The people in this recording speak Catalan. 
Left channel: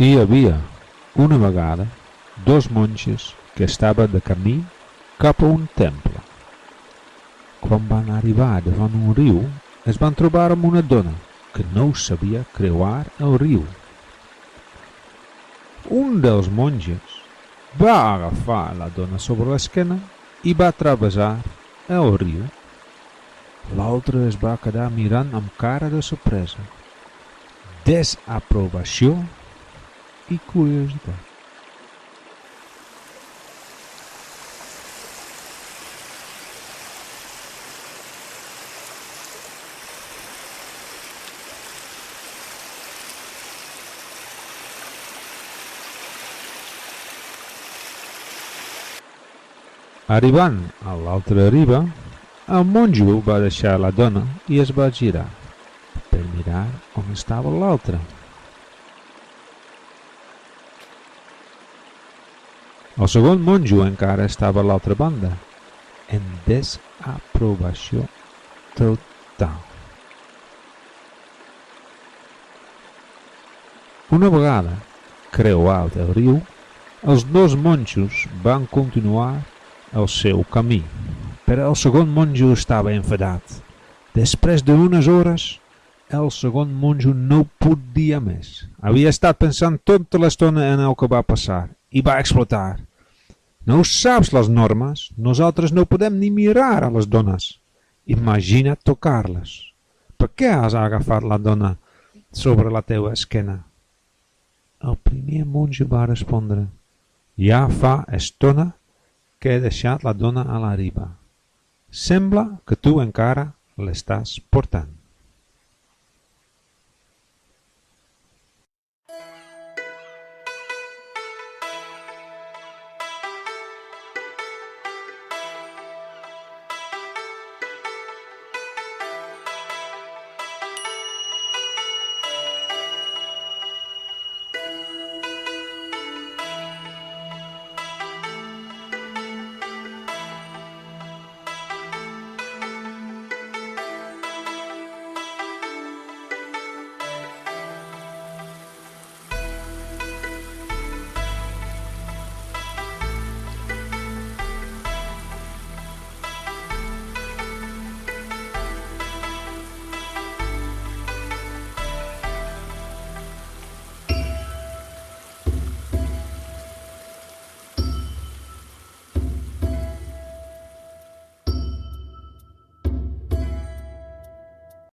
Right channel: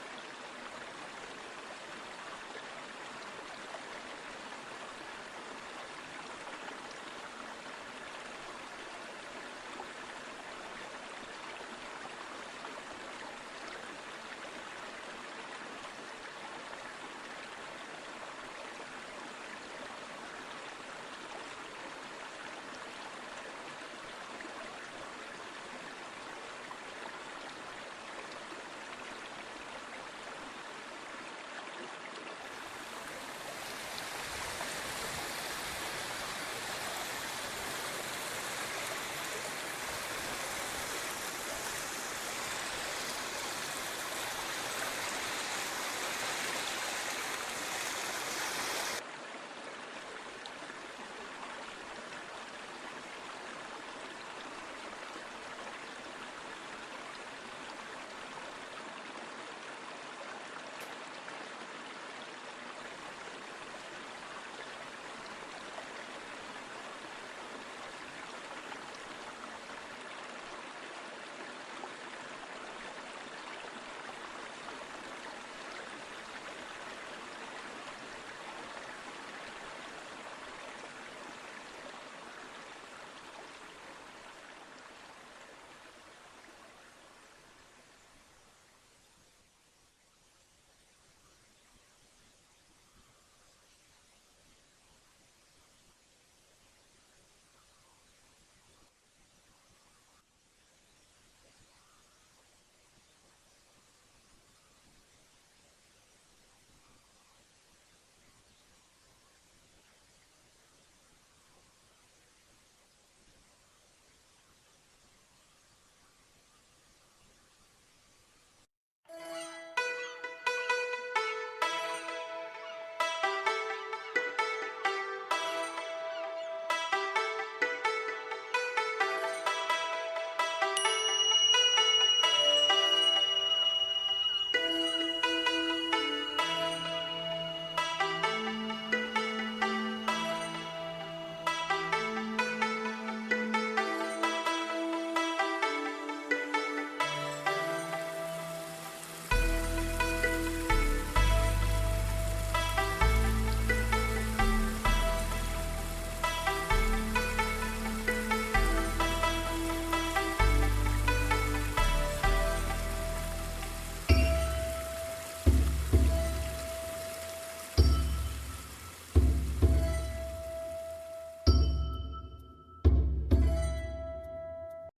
Hi havia, una vegada, dos monges que estaven de camí cap a un temple. Quan van arribar davant un riu, es van trobar amb una dona que no sabia creuar el riu. Un dels monges va agafar la dona sobre l'esquena i va travessar el riu. L'altre es va quedar mirant amb cara de sorpresa, desaprovació i curiositat. Arribant a l'altra riba, el monjo va deixar la dona i es va girar per mirar on estava l'altra. El segon monjo encara estava a l'altra banda, en desaprovació total. Una vegada creuat el riu, els dos monjos van continuar el seu camí, però el segon monjo estava enfadat. Després d'unes hores, el segon monjo no podia més. Havia estat pensant tota l'estona en el que va passar i va explotar. No saps les normes? Nosaltres no podem ni mirar a les dones. Imagina't tocar-les. Per què has agafat la dona sobre la teva esquena? El primer monjo va respondre: ja fa estona que he deixat la dona a la riba. Sembla que tu encara l'estàs portant.